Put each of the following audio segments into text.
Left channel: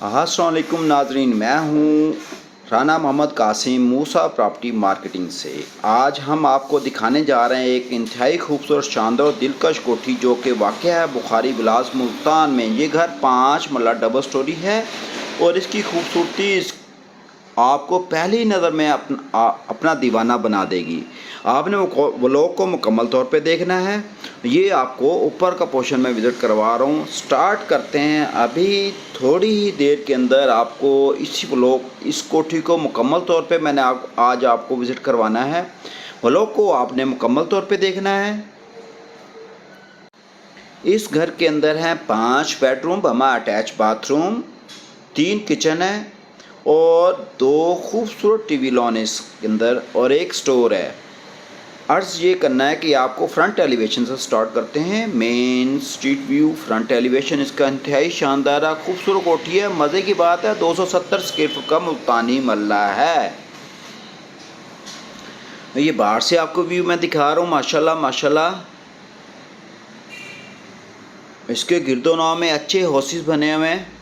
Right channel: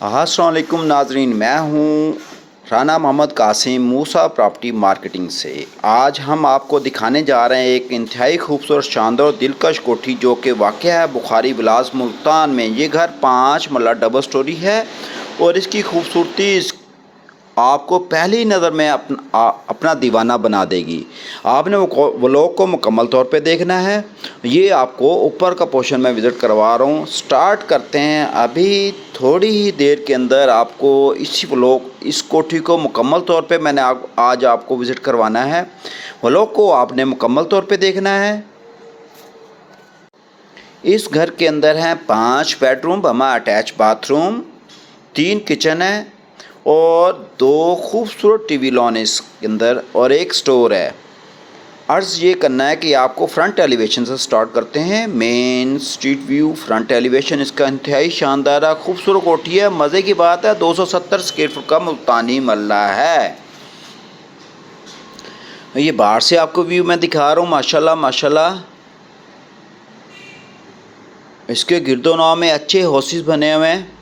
अस्सलाम वालेकुम नाजरीन, मैं हूँ राना मोहम्मद कासिम मूसा प्रॉपर्टी मार्केटिंग से। आज हम आपको दिखाने जा रहे हैं एक इंतहाई खूबसूरत शानदार और दिलकश कोठी जो कि वाक़या है बुखारी बिलास मुल्तान में। ये घर 5 मरला डबल स्टोरी है और इसकी खूबसूरती आपको पहली नज़र में अपना दीवाना बना देगी। आपने वो व्लॉग को मुकम्मल तौर पे देखना है। ये आपको ऊपर का पोर्शन में विज़िट करवा रहा हूँ। स्टार्ट करते हैं अभी थोड़ी ही देर के अंदर। आपको इस कोठी को मुकम्मल तौर पे मैंने आज आपको विज़िट करवाना है। व्लॉग को आपने मुकम्मल तौर पे देखना है। इस घर के अंदर हैं 5 बेडरूम, बमा अटैच बाथरूम, 3 किचन है और 2 खूबसूरत टीवी लॉन इसके अंदर और एक स्टोर है। अर्ज़ ये करना है कि आपको फ्रंट एलिवेशन से स्टार्ट करते हैं। Main street view front elevation इसका इंतहाई शानदार है, खूबसूरत कोठी है। मज़े की बात है 270 स्क्वायर फुट का मुल्तानी मल्ला है। ये बाहर से आपको व्यू मैं दिखा रहा हूँ। माशाल्लाह माशाल्लाह इसके गिरदोनवा में अच्छे हाउसेस बने हुए हैं।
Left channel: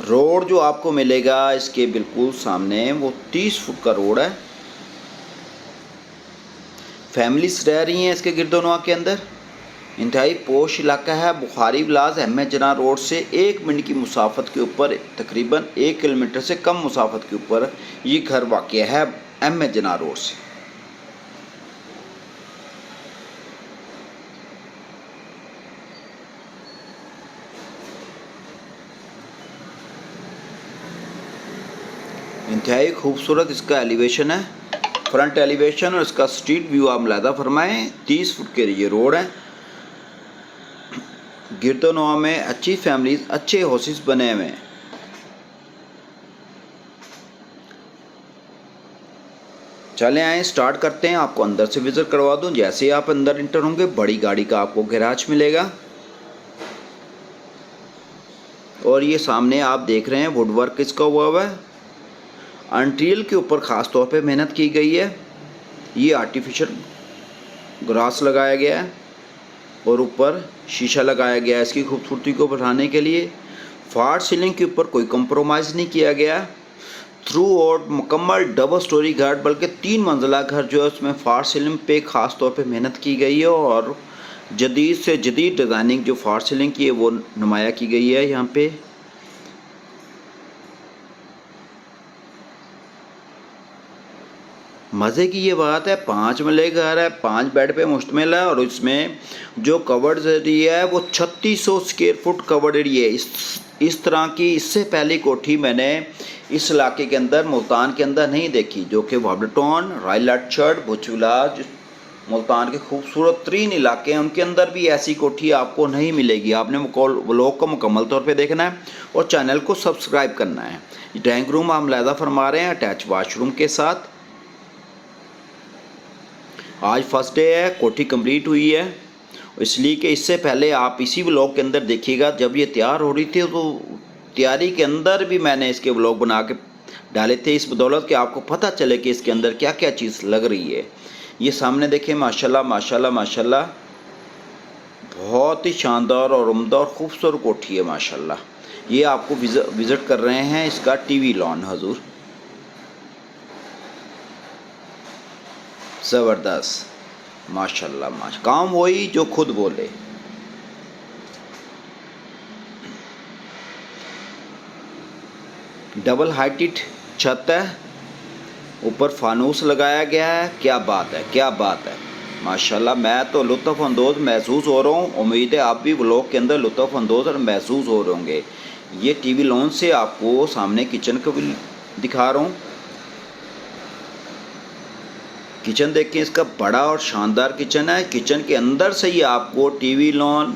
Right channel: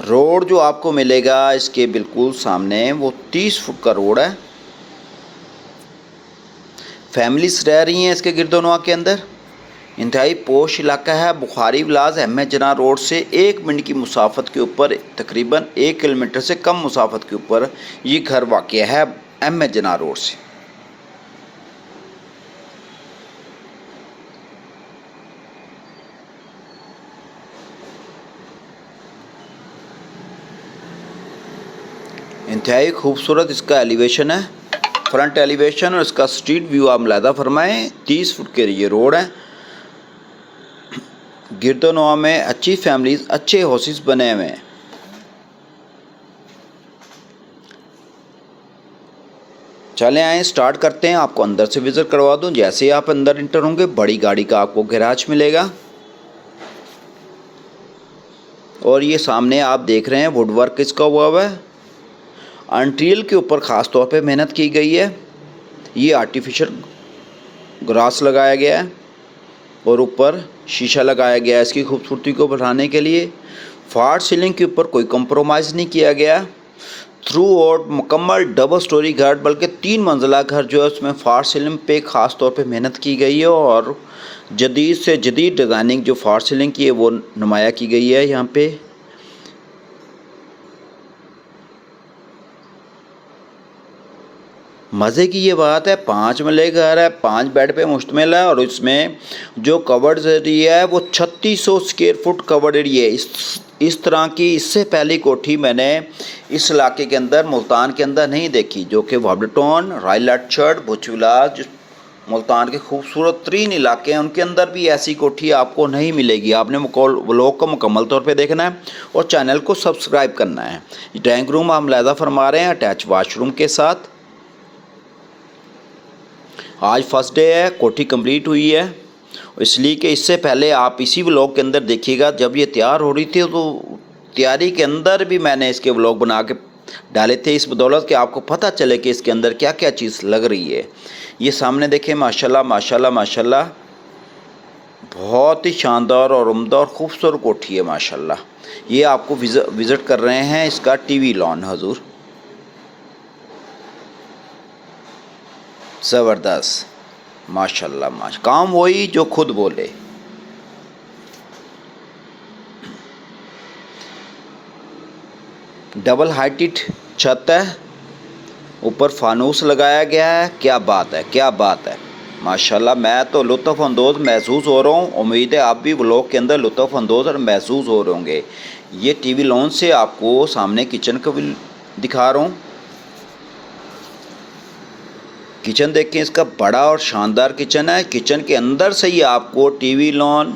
रोड जो आपको मिलेगा इसके बिल्कुल सामने वो 30 फुट का रोड है। फैमिलीज रह रही हैं इसके गिरदोनवा के अंदर। इंतहाई पोश इलाका है। बुखारी विलास अहमद जना रोड से 1 मिनट की मुसाफत के ऊपर, तकरीबन 1 किलोमीटर से कम मुसाफत के ऊपर ये घर वाक़या है अहमद जना रोड से। इंतहाई खूबसूरत इसका एलिवेशन है, फ्रंट एलिवेशन। और इसका स्ट्रीट व्यू आप मुलाहिज़ा फरमाएँ। 30 फुट के ये रोड है। गिरदोनवा में अच्छी फैमिलीज, अच्छे हाउसेस बने हुए हैं। चले आए स्टार्ट करते हैं। आपको अंदर से विज़िट करवा दूं। जैसे ही आप अंदर इंटर होंगे बड़ी गाड़ी का आपको गैराज मिलेगा और ये सामने आप देख रहे हैं वुड वर्क इसका हुआ है। अंट्रियल के ऊपर ख़ास तौर पे मेहनत की गई है। ये आर्टिफिशियल ग्रास लगाया गया है और ऊपर शीशा लगाया गया है इसकी खूबसूरती को बढ़ाने के लिए। फॉल सीलिंग के ऊपर कोई कंप्रोमाइज़ नहीं किया गया। थ्रू आउट मुकम्मल डबल स्टोरी घर, बल्कि 3 मंजिला घर जो है उसमें फॉल सीलिंग पे ख़ास तौर पे मेहनत की गई है और जदीद से जदीद डिज़ाइनिंग जो फॉल सीलिंग की है वो नुमाया की गई है यहाँ पे। मज़े की ये बात है 5 मरले घर है, 5 बेड पे मुश्तमिल है और इसमें जो कवर्ड एरिया है वो 3600 स्क्वायर फुट कवर्ड एरिया है। इस तरह की इससे पहली कोठी मैंने इस इलाके के अंदर मुल्तान के अंदर नहीं देखी, जो कि वाबलटोन, रॉयल आर्चर्ड, भुज विलास मुल्तान के खूबसूरत तरीन इलाके हैं, उनके अंदर भी ऐसी कोठी आपको नहीं मिलेगी। आपने व्लॉग को मुकम्मल तौर पे देखना है और चैनल को सब्सक्राइब करना है। ड्राइंग रूम आप मुलाहिज़ा फरमा रहे हैं अटैच वाशरूम के साथ। आज फर्स्ट डे है, कोठी कंप्लीट हुई है, इसलिए कि इससे पहले आप इसी व्लॉग के अंदर देखिएगा जब ये तैयार हो रही थी तो तैयारी के अंदर भी मैंने इसके व्लॉग बना के डाले थे, इस बदौलत कि आपको पता चले कि इसके अंदर क्या क्या चीज़ लग रही है। ये सामने देखें माशाल्लाह माशाल्लाह माशाल्लाह बहुत ही शानदार और उम्दा और ख़ूबसूरत कोठी है माशाल्लाह। ये आपको विज़िट कर रहे हैं इसका टीवी लॉन हजूर, ज़बरदस्त माशाल्लाह काम वही जो खुद बोले। डबल हाइटेड छत है, ऊपर फानूस लगाया गया है। क्या बात है, क्या बात है माशाल्लाह। मैं तो लुत्फ़अंदोज़ महसूस हो रहा हूँ। उम्मीद है आप भी व्लॉग के अंदर लुत्फ़अंदोज़ और महसूस हो रहे होंगे। ये टीवी लॉन से आपको सामने किचन को भी दिखा रहा हूँ। किचन देखें, इसका बड़ा और शानदार किचन है। किचन के अंदर से ही आपको टीवी लॉन,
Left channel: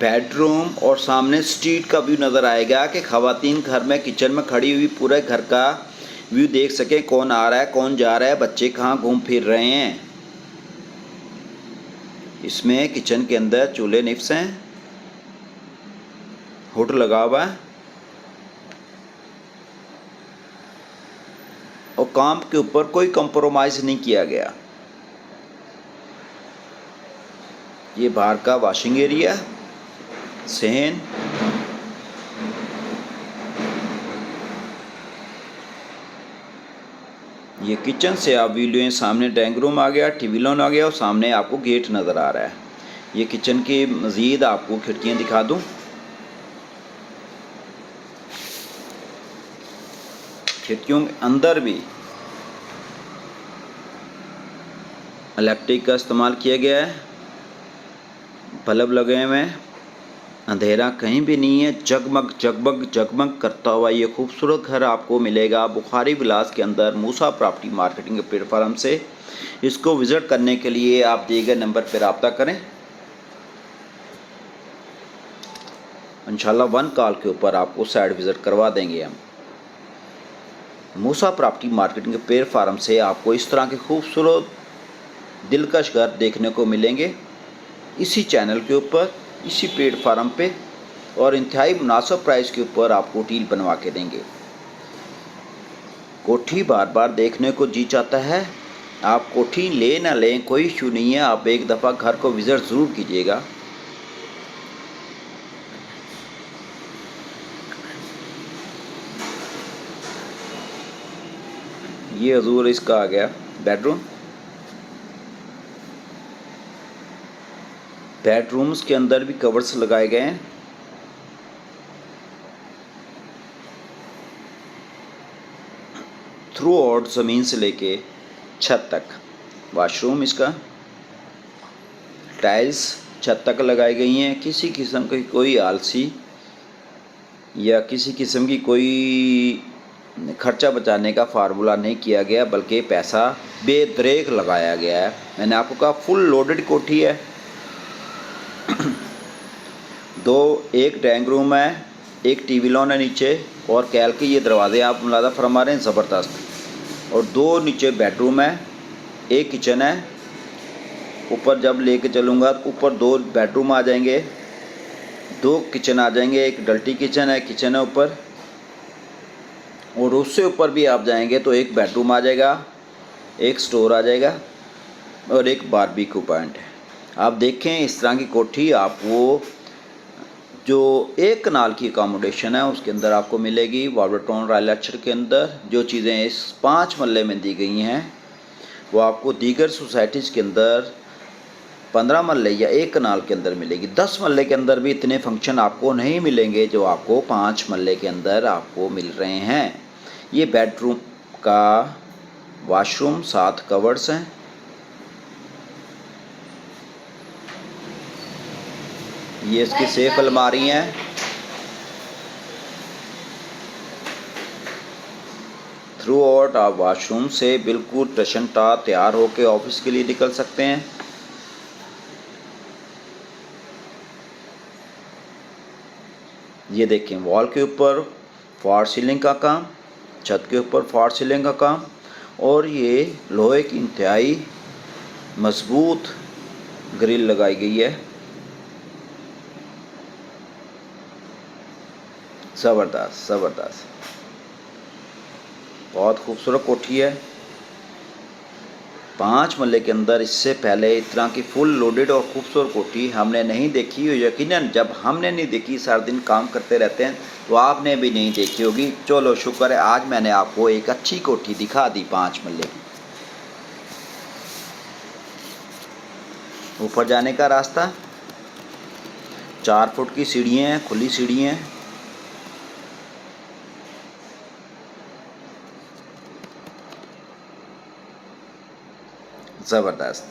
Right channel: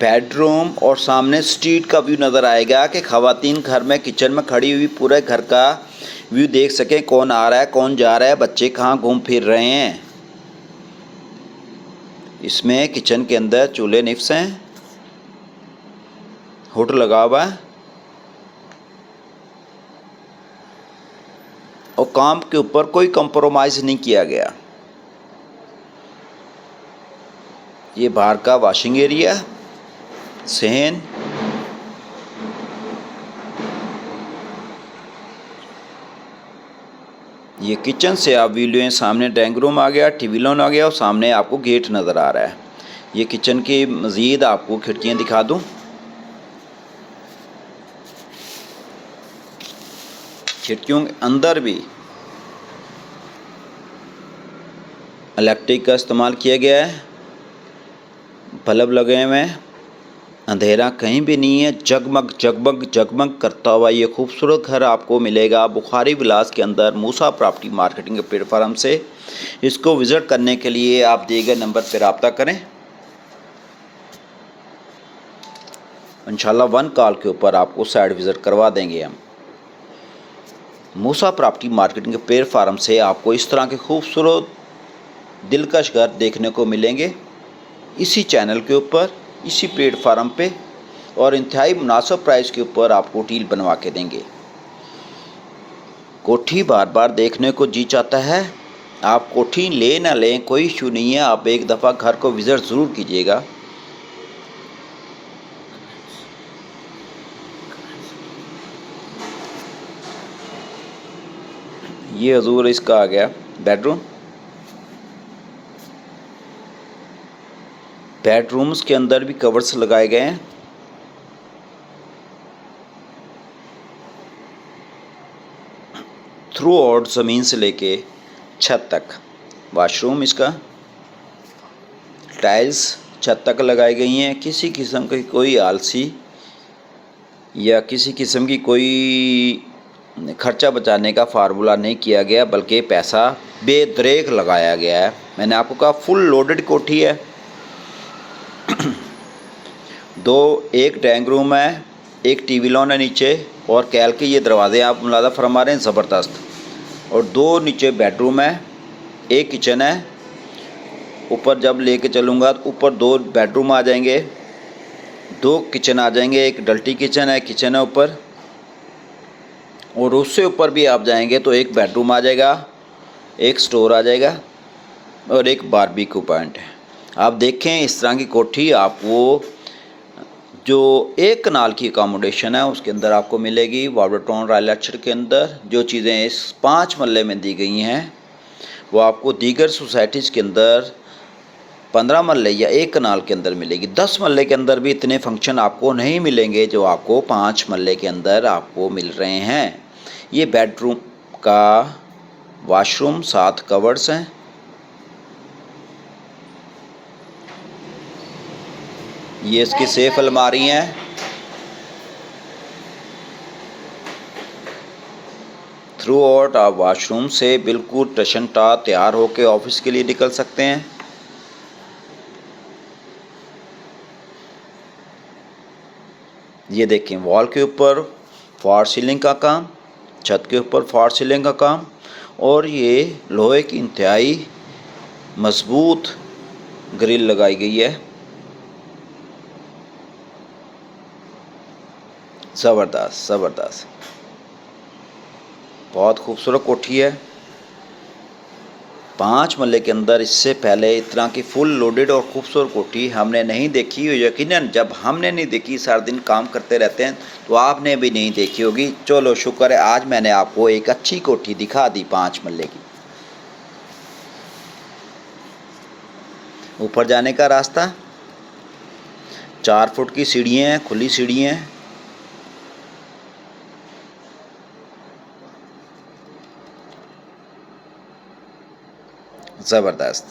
बेडरूम और सामने स्ट्रीट का व्यू नज़र आएगा कि ख़वातीन घर में किचन में खड़ी हुई पूरे घर का व्यू देख सकें, कौन आ रहा है कौन जा रहा है, बच्चे कहाँ घूम फिर रहे हैं। इसमें किचन के अंदर चूल्हे निफ्स हैं, हुड लगा हुआ है और काम के ऊपर कोई कंप्रोमाइज़ नहीं किया गया। ये बाहर का वॉशिंग एरिया, सहन ये किचन से आप वीडियो हैं, सामने ड्राइंग रूम आ गया, टीवी लॉन आ गया और सामने आपको गेट नज़र आ रहा है। ये किचन की मज़ीद आपको खिड़कियाँ दिखा दूँ। खिड़कियों के अंदर भी इलेक्ट्रिक का इस्तेमाल किया गया है, बल्ब लगे हुए हैं, अंधेरा कहीं भी नहीं है। जगमग जगमग जगमग करता हुआ ये खूबसूरत घर आपको मिलेगा बुखारी विलास के अंदर मूसा प्रॉपर्टी मार्केटिंग के प्लेटफार्म से। इसको विज़िट करने के लिए आप दिए गए नंबर पर रब्ता करें। इंशाल्लाह 1 कॉल के ऊपर आपको साइट विज़िट करवा देंगे हम। मूसा प्रॉपर्टी मार्केटिंग के प्लेटफार्म से आपको इस तरह के खूबसूरत दिलकश घर देखने को मिलेंगे इसी चैनल के ऊपर, इसी प्लेटफार्म पे, और इंतहाई मुनासिब प्राइस के ऊपर आपको डील बनवा के देंगे। कोठी बार बार देखने को जी चाहता है, आप कोठी ले ना लें कोई इशू नहीं है, आप एक दफ़ा घर को विज़िट ज़रूर कीजिएगा। ये हजूर इसका आ गया बेडरूम। बेडरूम्स के अंदर भी कवर्स लगाए गए हैं। थ्रू आउट ज़मीन से लेके छत तक वाशरूम, इसका टाइल्स छत तक लगाई गई हैं। किसी किस्म की कोई आलसी या किसी किस्म की कोई खर्चा बचाने का फार्मूला नहीं किया गया, बल्कि पैसा बेदरेक लगाया गया है। मैंने आपको कहा फुल लोडेड कोठी है। एक ड्राइंग रूम है, एक टीवी लॉन है नीचे, और कैल के ये दरवाजे आप मुलाज़ा फरमा रहे हैं ज़बरदस्त। और 2 नीचे बेडरूम है, एक किचन है। ऊपर जब लेके चलूँगा तो ऊपर 2 बेडरूम आ जाएंगे, 2 किचन आ जाएंगे। एक डल्टी किचन है ऊपर, और उससे ऊपर भी आप जाएंगे तो एक बेडरूम आ जाएगा, एक स्टोर आ जाएगा और एक बारबेक्यू पॉइंट है। आप देखें इस तरह की कोठी आपको जो 1 कनाल की अकोमोडेशन है उसके अंदर आपको मिलेगी। वाटरटाउन रॉयल एक्चर के अंदर जो चीज़ें इस 5 मरले में दी गई हैं वो आपको दीगर सोसाइटीज़ के अंदर 15 मरले या 1 कनाल के अंदर मिलेगी। 10 मरले के अंदर भी इतने फंक्शन आपको नहीं मिलेंगे जो आपको 5 मरले के अंदर आपको मिल रहे हैं। ये बेडरूम का वॉशरूम 7 कवर्ड्स हैं। ये इसकी सेफ अलमारी हैं। थ्रू आउट आप वॉशरूम से बिल्कुल टशन टा तैयार होकर ऑफिस के लिए निकल सकते हैं। ये देखें वॉल के ऊपर फॉर सीलिंग का काम, छत के ऊपर फॉर सीलिंग का काम, और ये लोहे की इंतहाई मजबूत ग्रिल लगाई गई है। ज़बरदस्त ज़बरदस्त, बहुत खूबसूरत कोठी है। 5 मरले के अंदर इससे पहले इस तरह की फुल लोडेड और खूबसूरत कोठी हमने नहीं देखी। यकीनन जब हमने नहीं देखी, सारा दिन काम करते रहते हैं, तो आपने भी नहीं देखी होगी। चलो शुक्र है आज मैंने आपको एक अच्छी कोठी दिखा दी 5 मरले की। ऊपर जाने का रास्ता, 4 फुट की सीढ़ियाँ हैं, खुली सीढ़ियाँ हैं। ज़बरदस्त,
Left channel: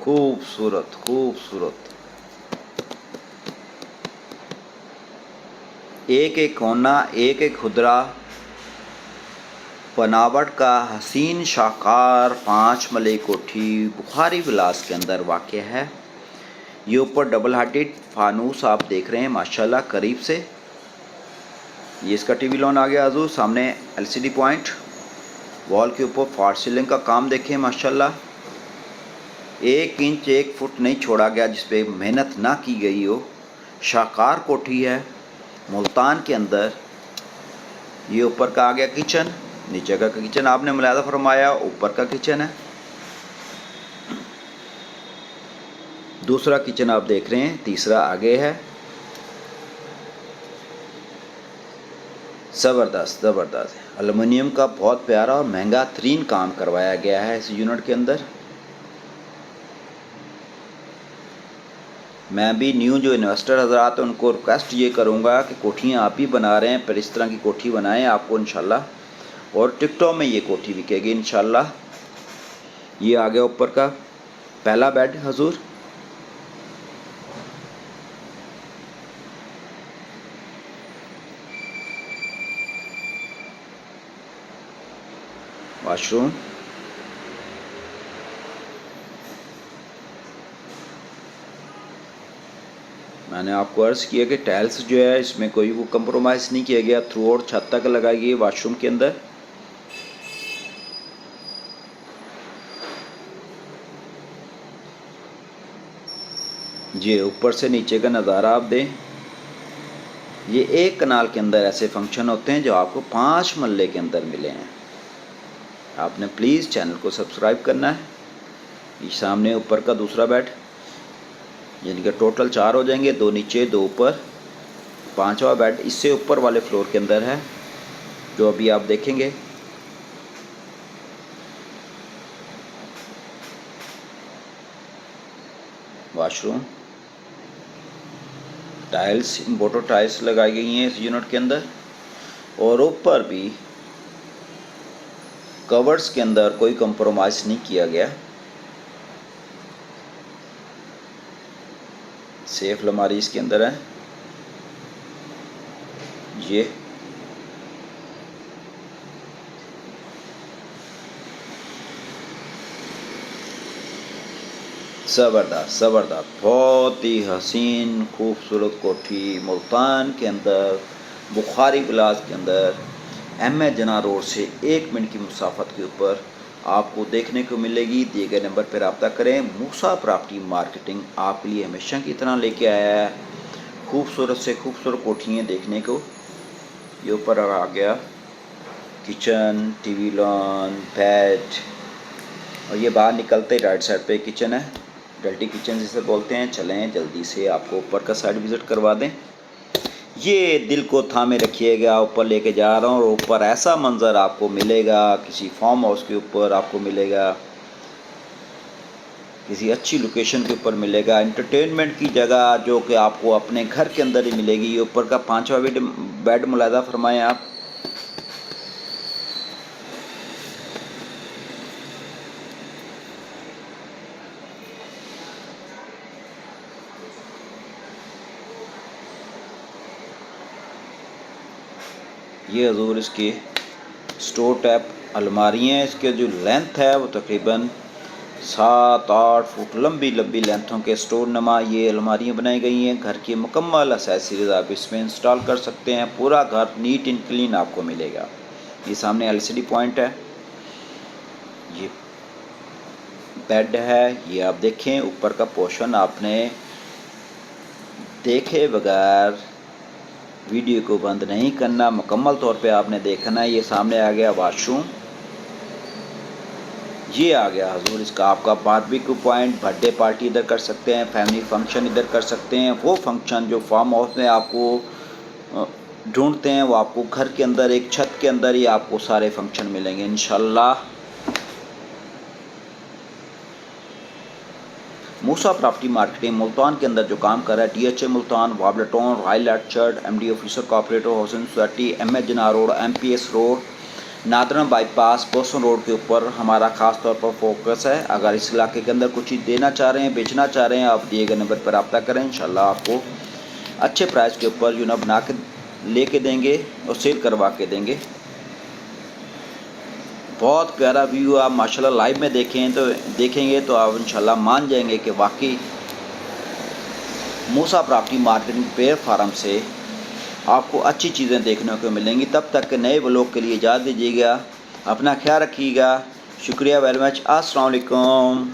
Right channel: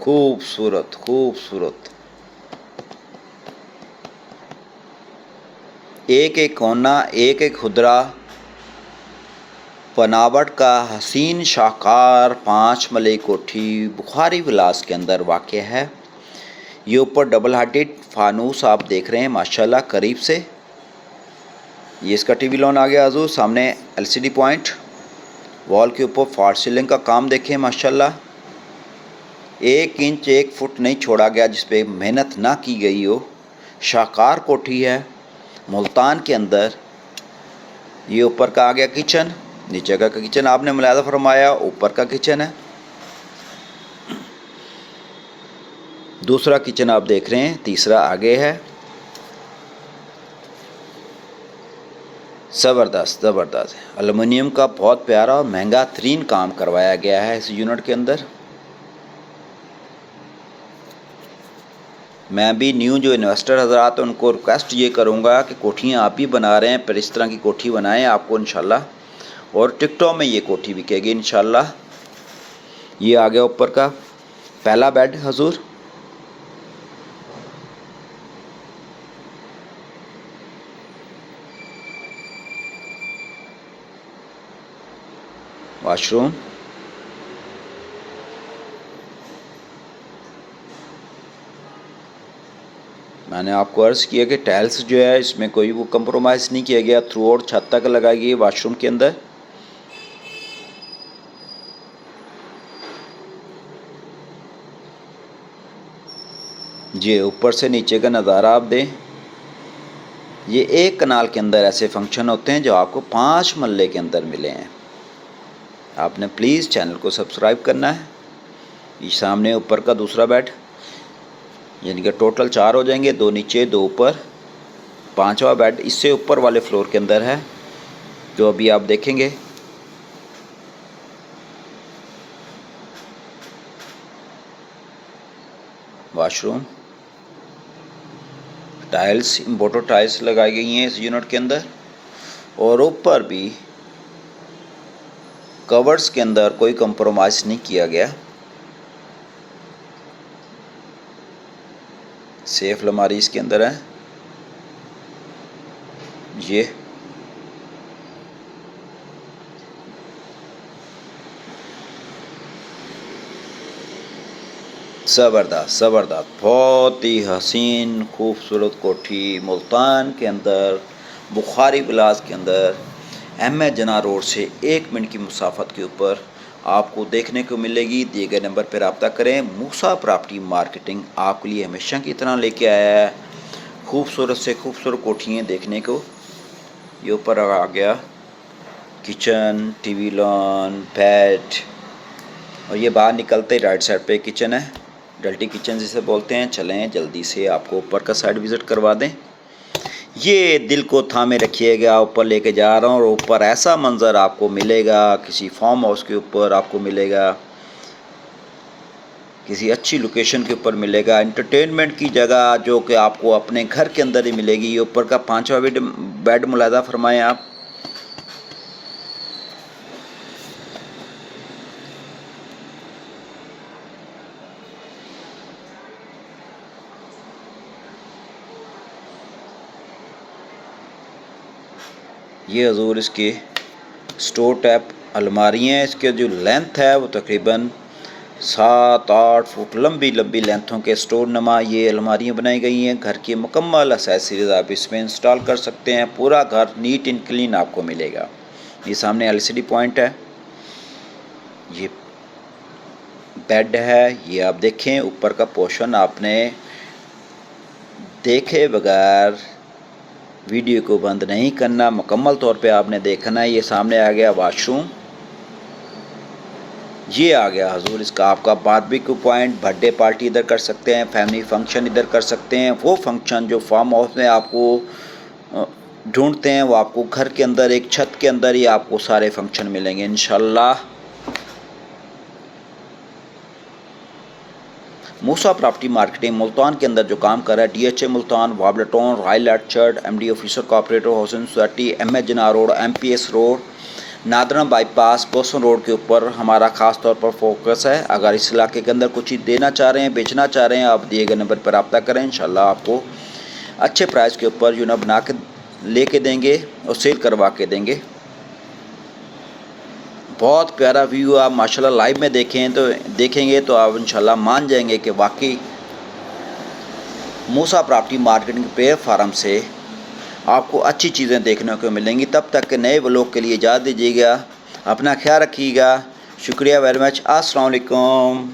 खूबसूरत खूबसूरत। एक एक कोना, एक एक खुदरा बनावट का हसीन शाहकार 5 मरले कोठी बुखारी विलास के अंदर वाक़ है। ये ऊपर डबल हार्टेड फानूस आप देख रहे हैं माशाल्लाह करीब से। ये इसका टीवी लॉन आ गया हजूर, सामने एलसीडी पॉइंट। वॉल के ऊपर फॉर सीलिंग का काम देखें माशाल्लाह, 1 इंच 1 फुट नहीं छोड़ा गया जिस पे मेहनत ना की गई हो। शाहकार कोठी है मुल्तान के अंदर। ये ऊपर का आ गया किचन, नीचे का किचन आपने मुलाज़ा फरमाया, ऊपर का किचन है। दूसरा किचन आप देख रहे हैं, तीसरा आगे है। ज़बरदस्त ज़बरदस्त एलुमिनियम का बहुत प्यारा और महंगा तरीन काम करवाया गया है इस यूनिट के अंदर। मैं भी न्यू जो इन्वेस्टर हज़रात उनको रिक्वेस्ट ये करूँगा कि कोठियाँ आप ही बना रहे हैं, पर इस तरह की कोठी बनाएं आपको इंशाल्लाह, और टिकटों में ये कोठी बिकेगी इंशाल्लाह। ये आ गया ऊपर का पहला बेड हजूर। वाशरूम, मैंने आपको अर्ज़ किया कि टाइल्स जो है इसमें कोई वो कंप्रोमाइज़ नहीं किया गया, थ्रू आउट छत तक लगाई गई वाशरूम के अंदर। ये ऊपर से नीचे का नज़ारा आप दें। ये एक कनाल के अंदर ऐसे फंक्शन होते हैं जो आपको 5 मरले के अंदर मिले हैं। आपने प्लीज़ चैनल को सब्सक्राइब करना है। ये सामने ऊपर का दूसरा बेड, यानी कि टोटल 4 हो जाएंगे, 2 नीचे 2 ऊपर। 5वां बेड इससे ऊपर वाले फ्लोर के अंदर है जो अभी आप देखेंगे। वाशरूम, टाइल्स, इम्पोर्टेड टाइल्स लगाई गई हैं इस यूनिट के अंदर, और ऊपर भी कवर्स के अंदर कोई कंप्रोमाइज़ नहीं किया गया। सेफ अलमारी इसके अंदर है। ये ज़बरदस्त ज़बरदस्त बहुत ही हसीन खूबसूरत कोठी मुल्तान के अंदर, बुखारी विलास के अंदर, एम ए जना रोड से 1 मिनट की मुसाफत के ऊपर आपको देखने को मिलेगी। दिए गए नंबर पर रब्ता करें। मूसा प्रॉपर्टी मार्केटिंग आपके लिए हमेशा की तरह लेके आया है खूबसूरत से खूबसूरत कोठियाँ देखने को। ये ऊपर आ गया किचन, टीवी लॉन, बेड, और ये बाहर निकलते ही राइट साइड पे किचन है, डल्टी किचन जिसे बोलते हैं। चलें जल्दी से आपको ऊपर का साइड विज़िट करवा दें। ये दिल को थामे रखिएगा, ऊपर लेके जा रहा हूँ, और ऊपर ऐसा मंज़र आपको मिलेगा, किसी फार्म हाउस के ऊपर आपको मिलेगा, किसी अच्छी लोकेशन के ऊपर मिलेगा, एंटरटेनमेंट की जगह जो कि आपको अपने घर के अंदर ही मिलेगी। ये ऊपर का 5वां बेड मुलाज़ा फरमाएं आप। ये हजूर इसके स्टोर टैप अलमारियाँ हैं। इसके जो लेंथ है वो तकरीबन 7-8 फुट लंबी लेंथों के स्टोर नमा ये अलमारियाँ बनाई गई हैं। घर की मुकम्मल एक्सेसरीज आप इसमें इंस्टॉल कर सकते हैं। पूरा घर नीट एंड क्लीन आपको मिलेगा। ये सामने एलसीडी पॉइंट है। ये बेड है, ये आप देखें। ऊपर का पोर्शन आपने देखे बगैर वीडियो को बंद नहीं करना, मुकम्मल तौर पे आपने देखना है। ये सामने आ गया वाशरूम। ये आ गया हजूर इसका आपका बारबेक्यू पॉइंट। बर्थडे पार्टी इधर कर सकते हैं, फैमिली फंक्शन इधर कर सकते हैं। वो फंक्शन जो फार्म हाउस में आपको ढूंढते हैं वो आपको घर के अंदर एक छत के अंदर ही आपको सारे फंक्शन मिलेंगे इंशाल्लाह। मूसा प्रॉपर्टी मार्केटिंग मुल्तान के अंदर जो काम कर रहा है, DHA मुल्तान, वाबलेटोन, royal orchard, MD officer cooperative housing society, MS Jinnah road, MPS road, Nadra bypass, Bosan road के ऊपर हमारा ख़ास तौर पर फोकस है। अगर इस इलाके के अंदर कुछ चीज़ देना चाह रहे हैं, बेचना चाह रहे हैं, आप दिए गए नंबर पर रब्ता करें। इंशाल्लाह आपको अच्छे प्राइस के ऊपर बना के लेके देंगे और सेल करवा के देंगे। बहुत प्यारा व्यू आप माशाल्लाह लाइव में देखेंगे तो आप इंशाल्लाह मान जाएंगे कि वाकई मूसा प्रॉपर्टी मार्केटिंग प्लेटफार्म से आपको अच्छी चीज़ें देखने को मिलेंगी। तब तक के नए व्लॉग के लिए इजाज़त दीजिएगा। अपना ख्याल रखिएगा। शुक्रिया वेरी मच। अस्सलाम वालेकुम।